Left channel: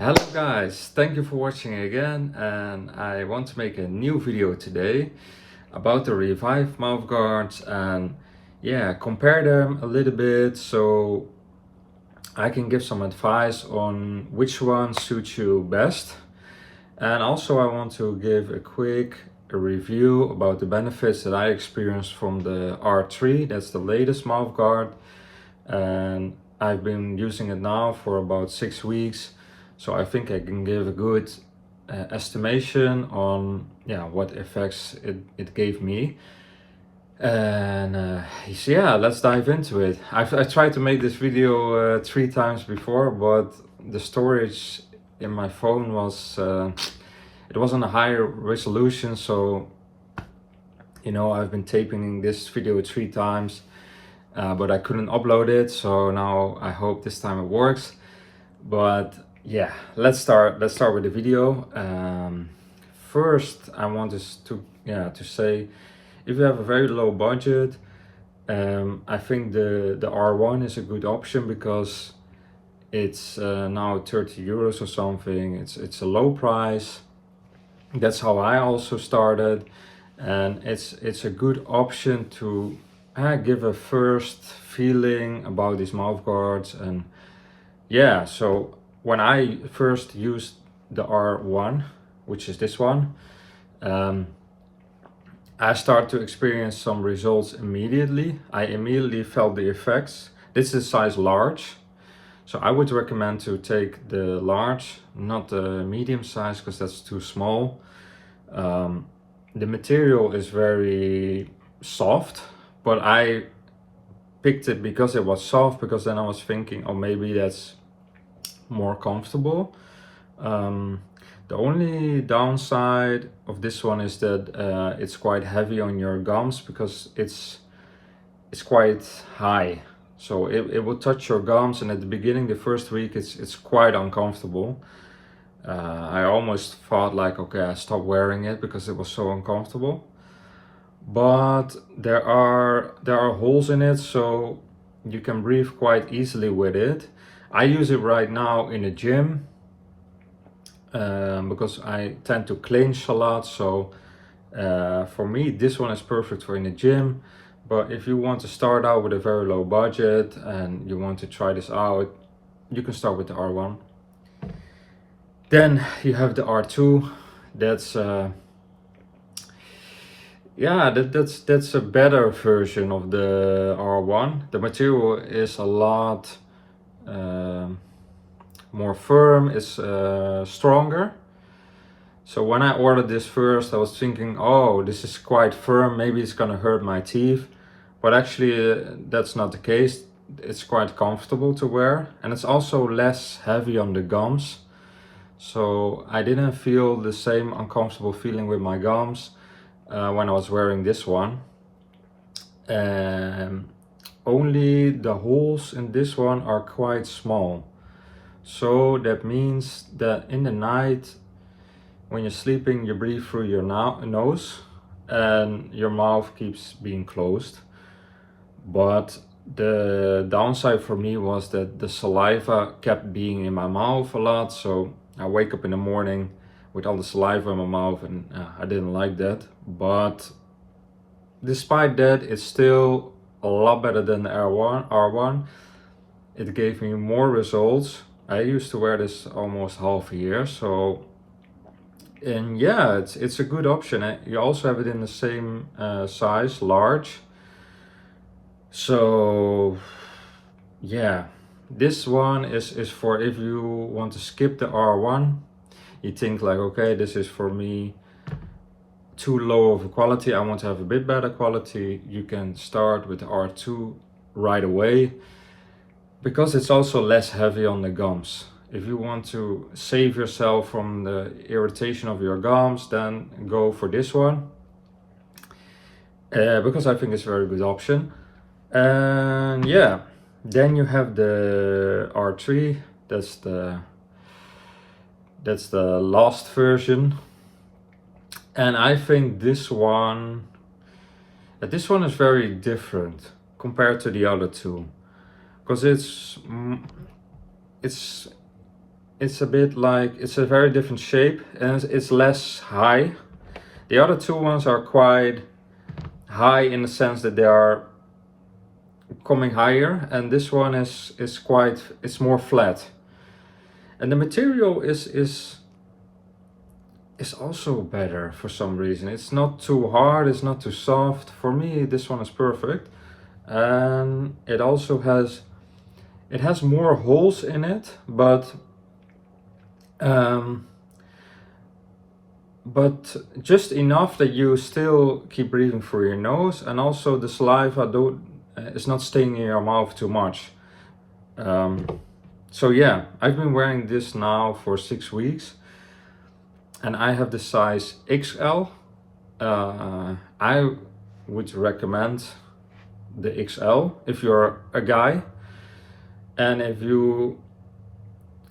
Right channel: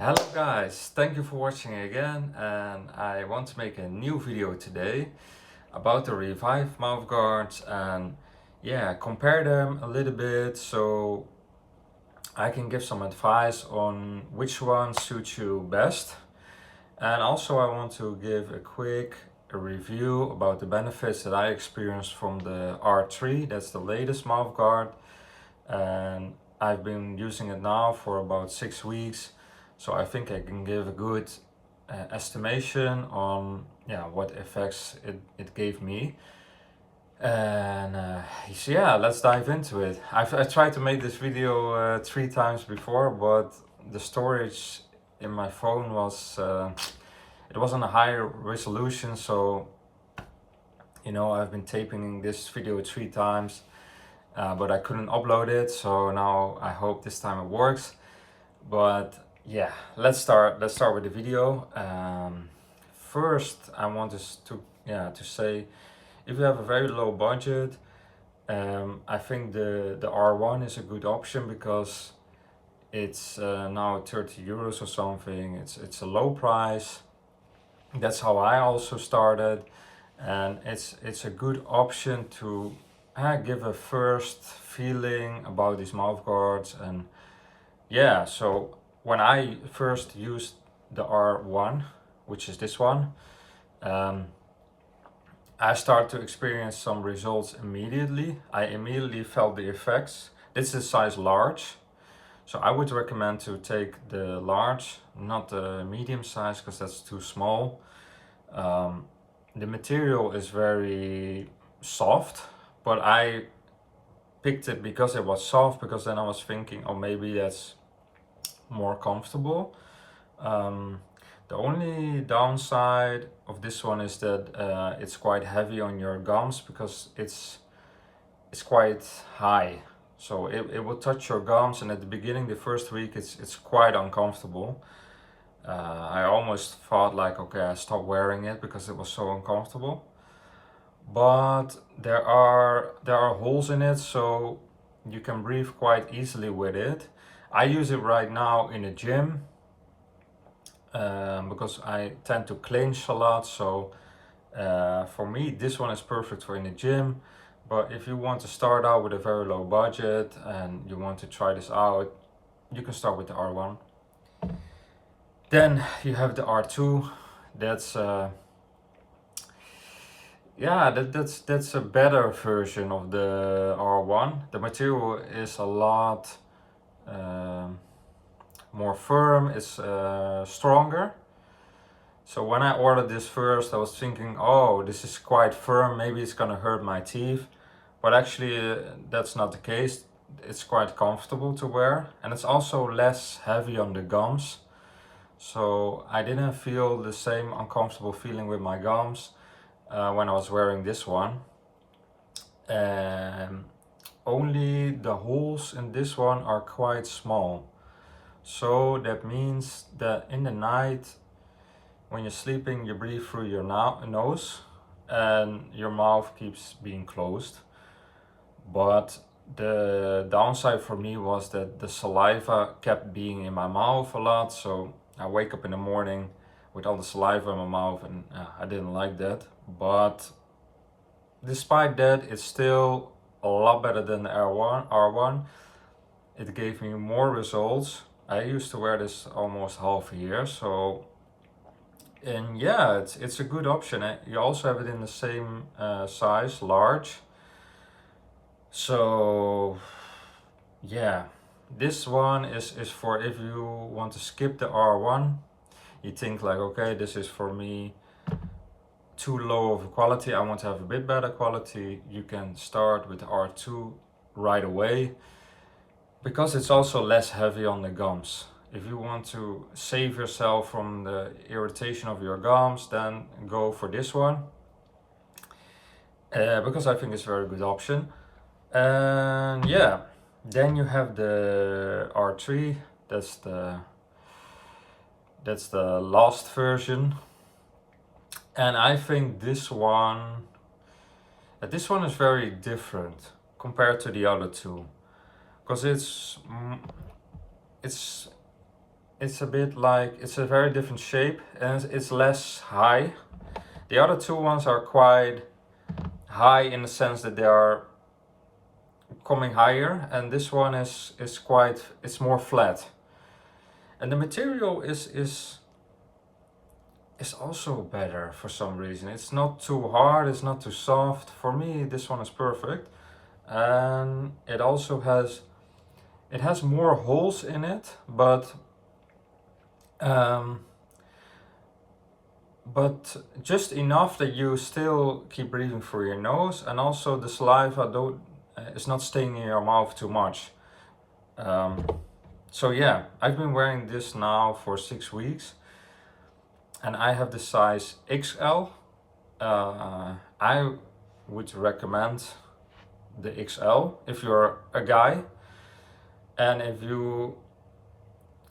Hello guys, thank you for watching again, and I want to make a new video today about the Reviv mouthguards and compare them a little bit so I can give some advice on which one suits you best. And also I want to give a quick review about the benefits that I experienced from the R3, that's the latest mouthguard, and I've been using it now for about 6 weeks. So I think I can give a good estimation on what effects it gave me. And let's dive into it. I tried to make this video 3 times before, but the storage in my phone was it was on a higher resolution, so I've been taping this video 3 times, but I couldn't upload it, so now I hope this time it works. But yeah, let's start with the video. First I want to say, if you have a very low budget, I think the R1 is a good option because it's now 30 euros or something. It's a low price. That's how I also started, and it's a good option to give a first feeling about these mouthguards. And so when I first used the R1, which is this one, I started to experience some results immediately. I immediately felt the effects. This is size large, so I would recommend to take the large, not the medium size, because that's too small. The material is very soft, but I picked it because it was soft, because then I was thinking, oh, maybe that's more comfortable. The only downside of this one is that it's quite heavy on your gums, because it's quite high, so it will touch your gums, and at the beginning, the first week, it's quite uncomfortable. I almost thought like, okay, I stopped wearing it because it was so uncomfortable. But there are holes in it, so you can breathe quite easily with it. I use it right now in the gym because I tend to clinch a lot, so for me this one is perfect for in the gym. But if you want to start out with a very low budget and you want to try this out, you can start with the R1. Then you have the R2. That's that's a better version of the R1. The material is a lot more firm, it's stronger. So when I ordered this first, I was thinking, oh, this is quite firm, maybe it's gonna hurt my teeth. But actually that's not the case. It's quite comfortable to wear, and it's also less heavy on the gums. So I didn't feel the same uncomfortable feeling with my gums when I was wearing this one. Only the holes in this one are quite small. So that means that in the night, when you're sleeping, you breathe through your nose and your mouth keeps being closed. But the downside for me was that the saliva kept being in my mouth a lot. So I wake up in the morning with all the saliva in my mouth, and I didn't like that. But despite that, it's still a lot better than the R1. It gave me more results. I used to wear this almost half a year, so, and yeah, it's a good option. You also have it in the same size, large. So yeah, this one is for if you want to skip the R1. You think like, okay, this is for me too low of a quality, I want to have a bit better quality. You can start with the R2 right away, because it's also less heavy on the gums. If you want to save yourself from the irritation of your gums, then go for this one, because I think it's a very good option. And yeah, then you have the R3. That's the last version, and I think this one is very different compared to the other two, because it's it's a bit like, it's a very different shape and it's less high. The other two ones are quite high in the sense that they are coming higher, and this one is quite, it's more flat. And the material is also better for some reason. It's not too hard, it's not too soft. For me, this one is perfect. And it also has, it has more holes in it, but just enough that you still keep breathing through your nose, and also the saliva is not staying in your mouth too much. So yeah, I've been wearing this now for 6 weeks, and I have the size XL. I would recommend the XL if you're a guy, and if you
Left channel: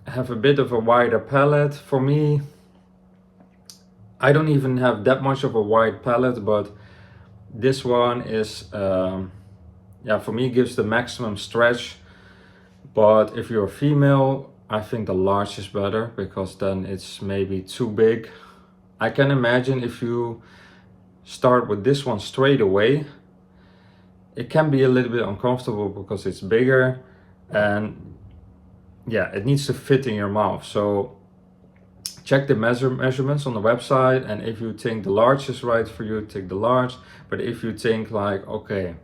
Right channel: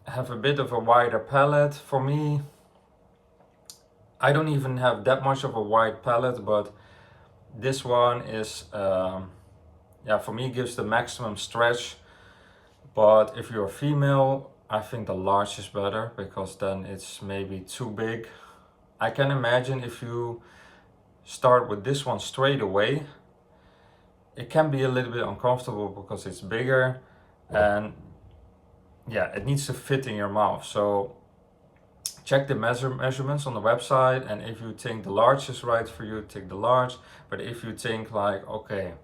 have a bit of a wider palate. For me, I don't even have that much of a wide palate, but this one is, yeah, for me gives the maximum stretch. But if you're a female, I think the large is better, because then it's maybe too big. I can imagine if you start with this one straight away, it can be a little bit uncomfortable because it's bigger, and yeah, it needs to fit in your mouth. So check the measurements on the website, and if you think the large is right for you, take the large. But if you think like, okay,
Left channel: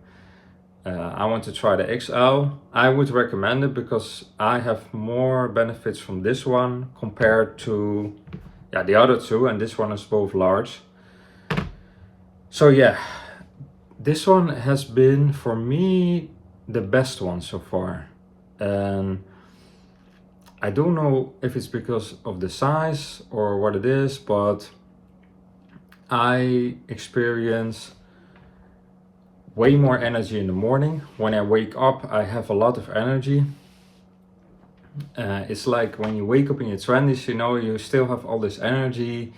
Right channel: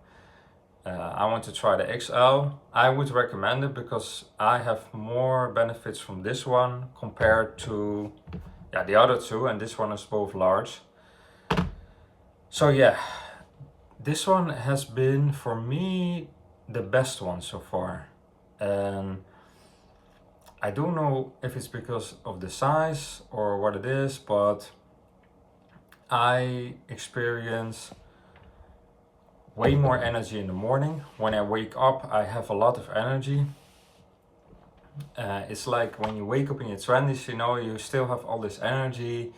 I want to try the XL, I would recommend it, because I have more benefits from this one compared to, yeah, the other two, and this one is both large. So yeah, this one has been for me the best one so far. And I don't know if it's because of the size or what it is, but I experience way more energy in the morning. When I wake up, I have a lot of energy. It's like when you wake up in your 20s, you know, you still have all this energy,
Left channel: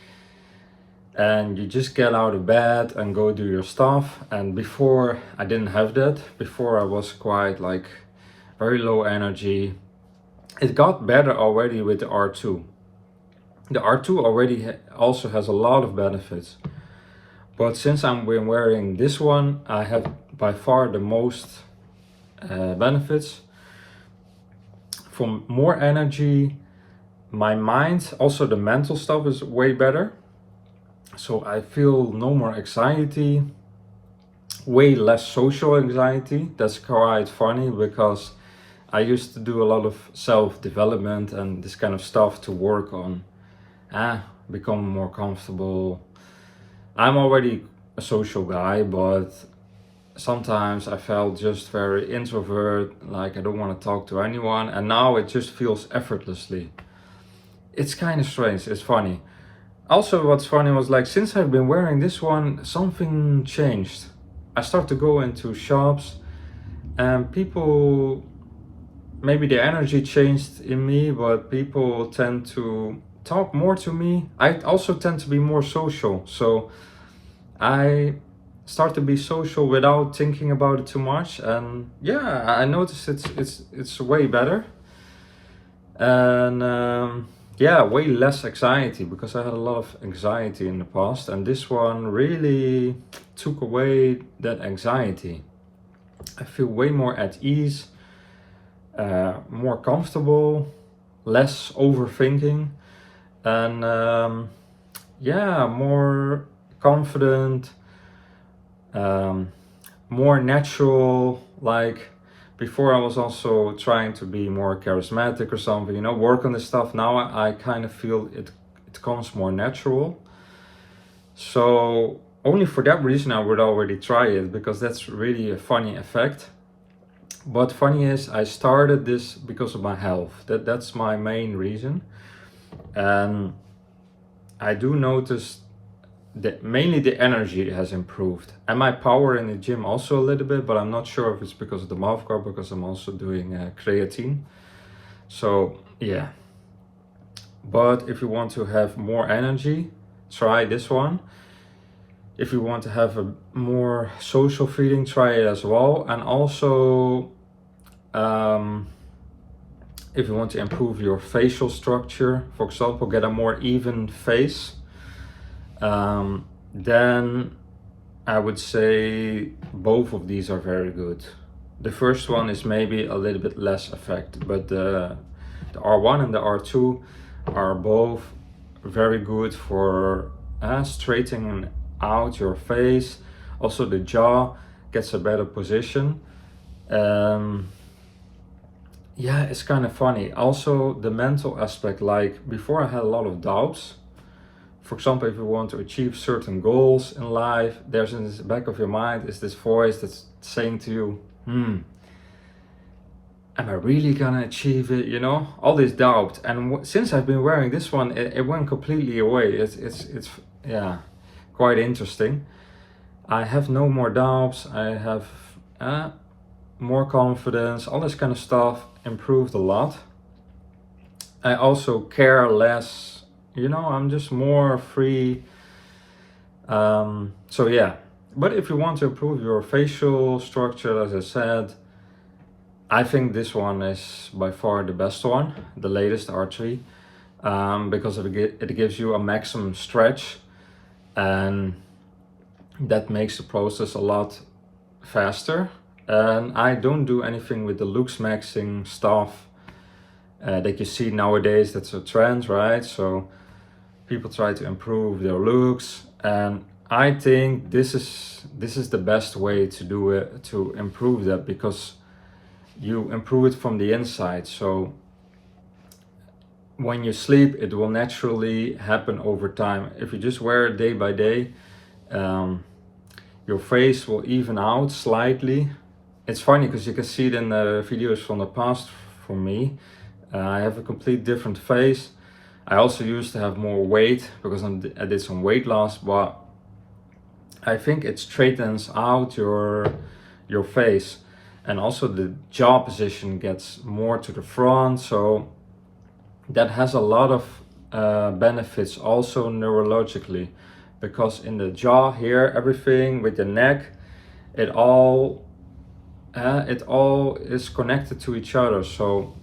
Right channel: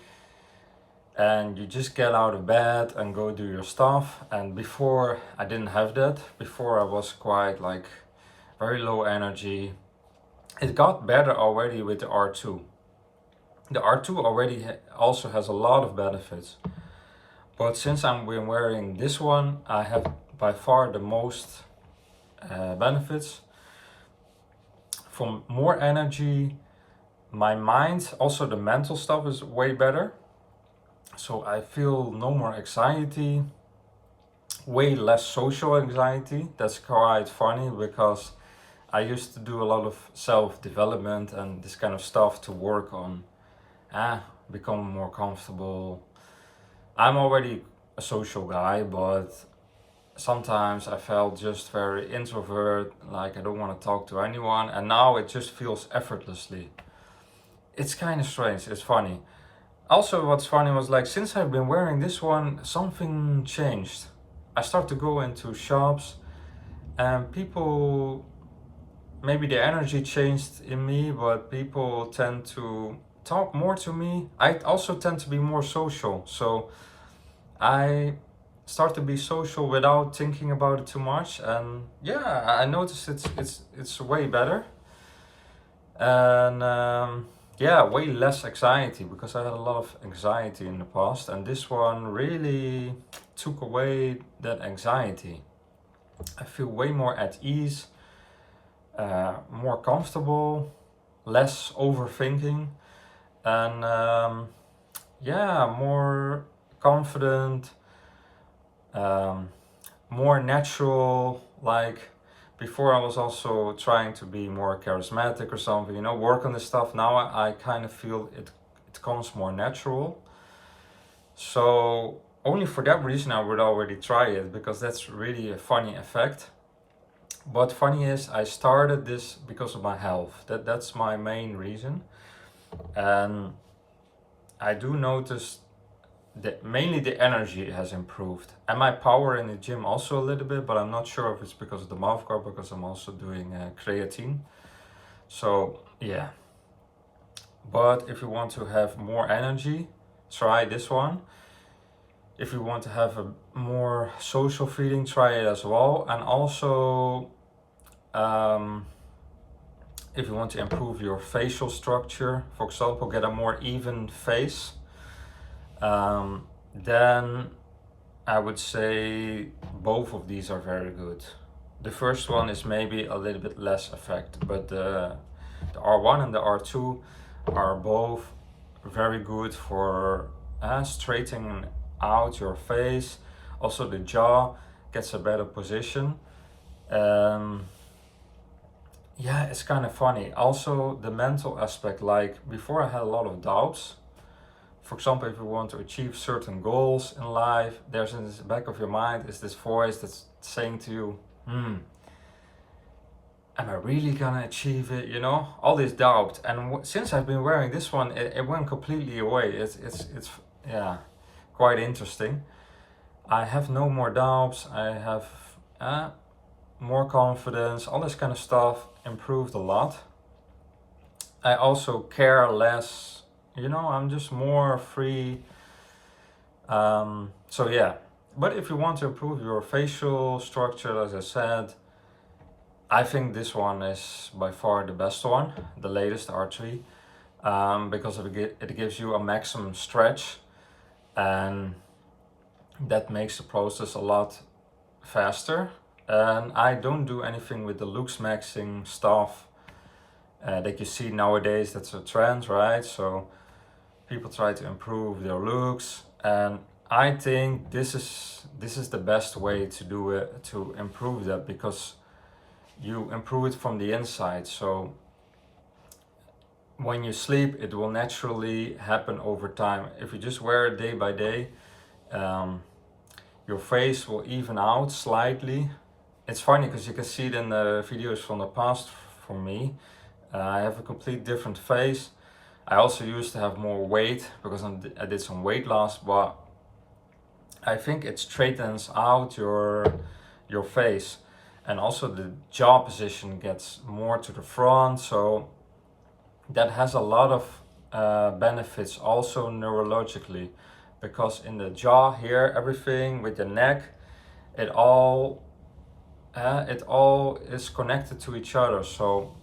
and you just get out of bed and go do your stuff. And before, I didn't have that. Before, I was quite like very low energy. It got better already with the R2. The R2 already also has a lot of benefits. But since I've been wearing this one, I have by far the most benefits. From more energy, my mind, also the mental stuff is way better. So I feel no more anxiety, way less social anxiety. That's quite funny, because I used to do a lot of self-development and this kind of stuff to work on become more comfortable. I'm already a social guy, but sometimes I felt just very introvert, like I don't want to talk to anyone, and now it just feels effortlessly. It's kind of strange, it's funny. Also, what's funny was, like, since I've been wearing this one, something changed. I start to go into shops, and people, maybe the energy changed in me, but people tend to talk more to me. I also tend to be more social, so I start to be social without thinking about it too much. And yeah, I noticed it's way better. And yeah, way less anxiety, because I had a lot of anxiety in the past, and this one really took away that anxiety. I feel way more at ease, more comfortable, less overthinking, and yeah, more confident, more natural. Like before, I was also trying to be more charismatic or something, you know, work on this stuff. Now I kind of feel it comes more natural. So only for that reason I would already try it, because that's really a funny effect. But funny is, I started this because of my health. That's my main reason. And I do notice that mainly the energy has improved, and my power in the gym also a little bit, but I'm not sure if it's because of the Mouthguard, because I'm also doing creatine. So yeah, but if you want to have more energy, try this one. If you want to have a more social feeling, try it as well. And also if you want to improve your facial structure, for example, get a more even face, then I would say both of these are very good. The first one is maybe a little bit less effective, but the R1 and the R2 are both very good for straightening out your face. Also the jaw gets a better position. Yeah, it's kind of funny. Also the mental aspect, like before I had a lot of doubts. For example, if you want to achieve certain goals in life, there's in the back of your mind is this voice that's saying to you, am I really gonna achieve it? You know, all this doubt. And since I've been wearing this one, it went completely away. It's yeah, quite interesting. I have no more doubts. I have more confidence. All this kind of stuff improved a lot. I also care less. You know, I'm just more free. So yeah. But if you want to improve your facial structure, as I said, I think this one is by far the best one, the latest R3, because it gives you a maximum stretch, and that makes the process a lot faster. And I don't do anything with the looks maxing stuff that you see nowadays. That's a trend, right? So people try to improve their looks, and I think this is the best way to do it, to improve that, because you improve it from the inside. So when you sleep, it will naturally happen over time. If you just wear it day by day, your face will even out slightly. It's funny because you can see it in the videos from the past for me. I have a complete different face. I also used to have more weight because I did some weight loss, but I think it straightens out your face. And also the jaw position gets more to the front, so that has a lot of benefits also neurologically, because in the jaw here, everything with the neck, it all is connected to each other. So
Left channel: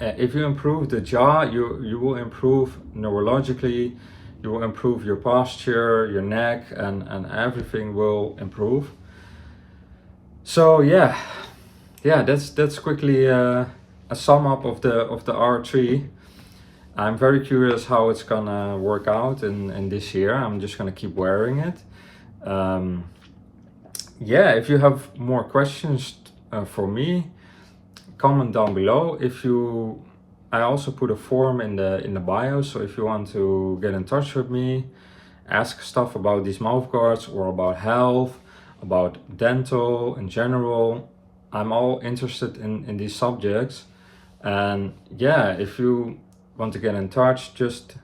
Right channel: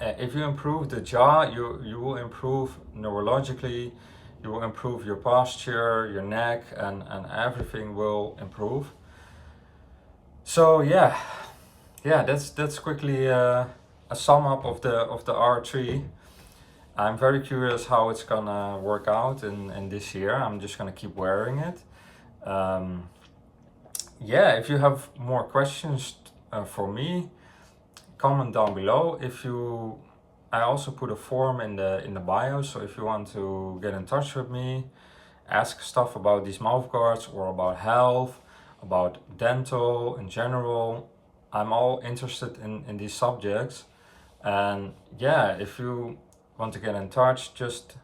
if you improve the jaw, you will improve neurologically, you will improve your posture, your neck, and everything will improve. So yeah, that's quickly a sum up of the R3. I'm very curious how it's gonna work out in this year. I'm just gonna keep wearing it. Yeah, if you have more questions for me, comment down below. I also put a form in the bio, so if you want to get in touch with me, ask stuff about these mouth guards or about health, about dental in general, I'm all interested in these subjects. And yeah, if you want to get in touch, just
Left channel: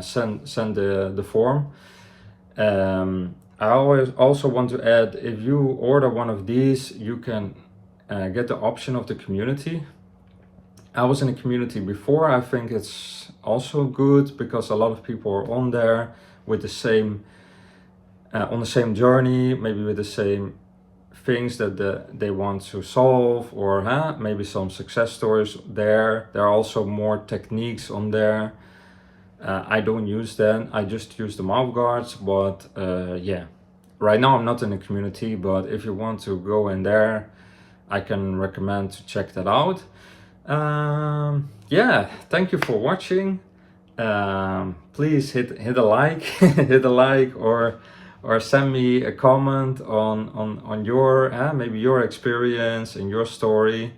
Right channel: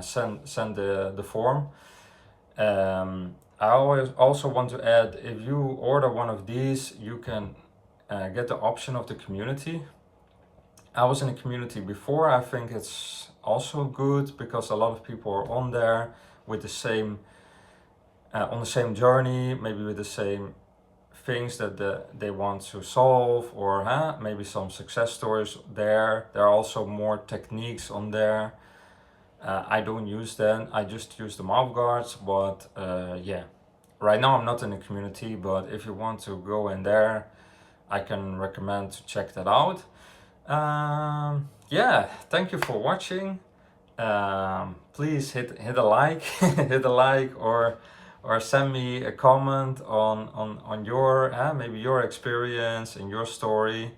send the form. I always also want to add, if you order one of these, you can get the option of the community. I was in a community before. I think it's also good because a lot of people are on there with the same on the same journey, maybe with the same things that they want to solve, or maybe some success stories there. There are also more techniques on there. I don't use them. I just use the mouth guards, but yeah, right now I'm not in a community, but if you want to go in there, I can recommend to check that out. Yeah, thank you for watching. Please hit a like, hit a like, or send me a comment on your maybe your experience and your story,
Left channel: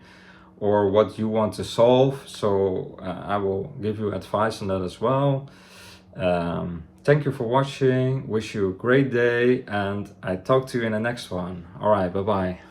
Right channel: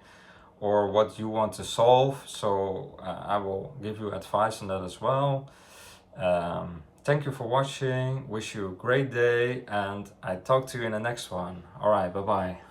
or what you want to solve. So I will give you advice on that as well. Thank you for watching. Wish you a great day, and I talk to you in the next one. All right, bye bye.